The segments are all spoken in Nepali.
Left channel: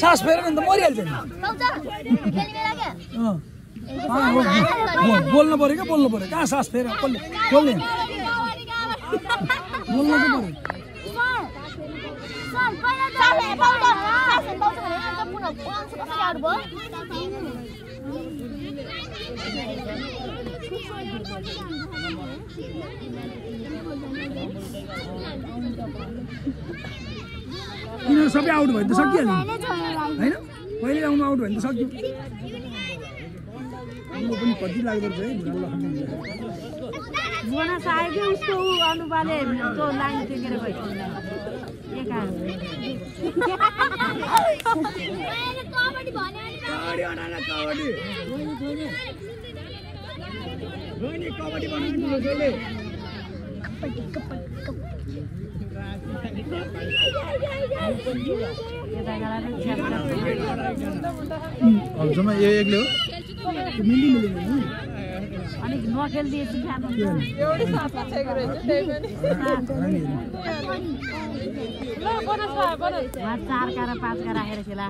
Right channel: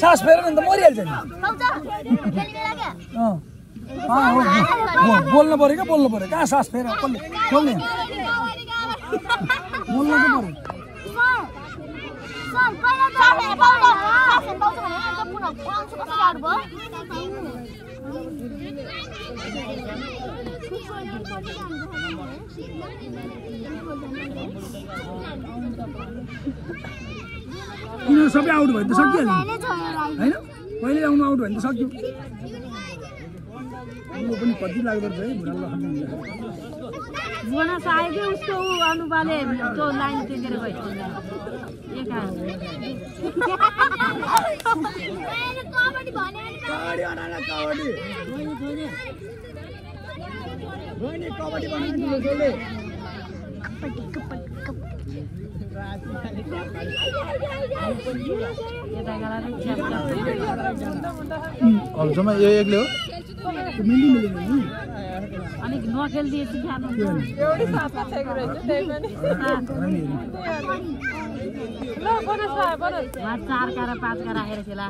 सास फेरेर नि त मरिहाल्छ नि बोल्नु पर्यो क्या बोल्नु पर्यो कहाँ सास फेर कसले खोल्ने बोल्नु चाहिँ पर्यो यिनीहरू सबै आउट भयो त सकिहाल्यो नि होइन पहिले आउनु आउट भयो भने त सक्यो म पनि कति लाग्दो रहेछ है उसको अनुपाले त्यो लाइन टेकेर गयो अबसम्म यो एक्लै हो अनि नखेल्दिएपछि चार कारा पाँच का राखेर खेला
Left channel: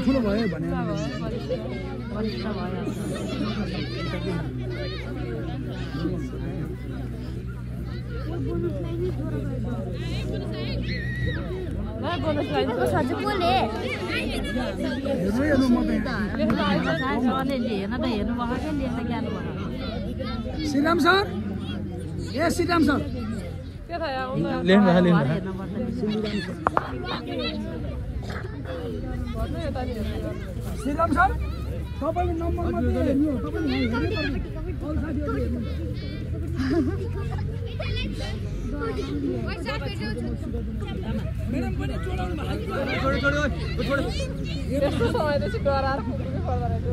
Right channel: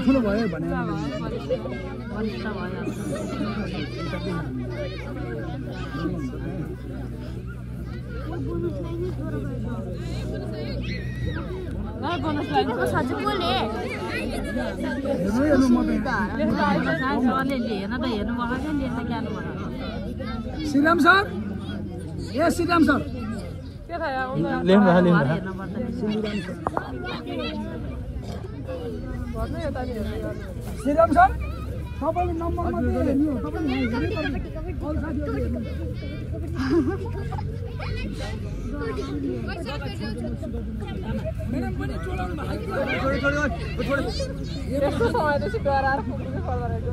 ठुलो भयो भने श्रीराम सर ए श्रीराम सर श्रीराम सर तपाईँले नम्बर मात्रै हेर्नु हो मैडम पनि चलाउनु भएको यस्तो समयपछि डराएर फुक्नु पर्दो रहेछ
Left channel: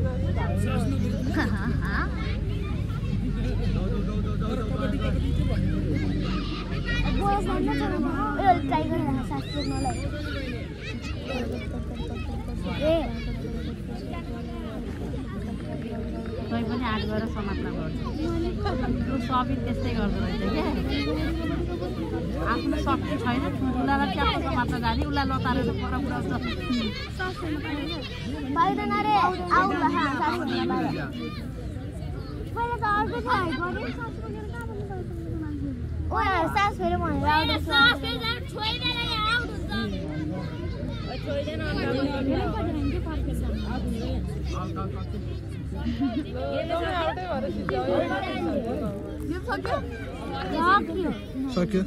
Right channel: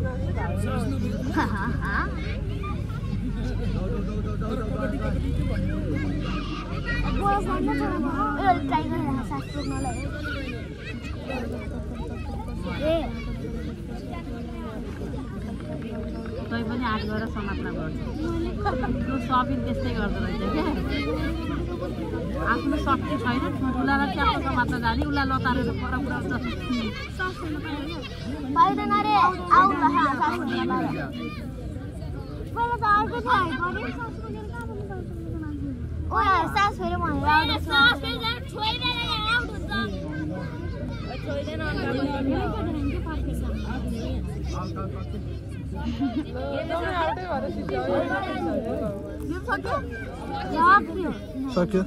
तै पनि आठ गरेर समाप्त गर्छ सबै त्यस्तै गर्दो रहेछ क्या आफ्नो शक्ति छैन ठुलालाई क्याप्टो समाप्त जाने उसलाई लतारेर पुरा पुऱ्याउँछ सक्यो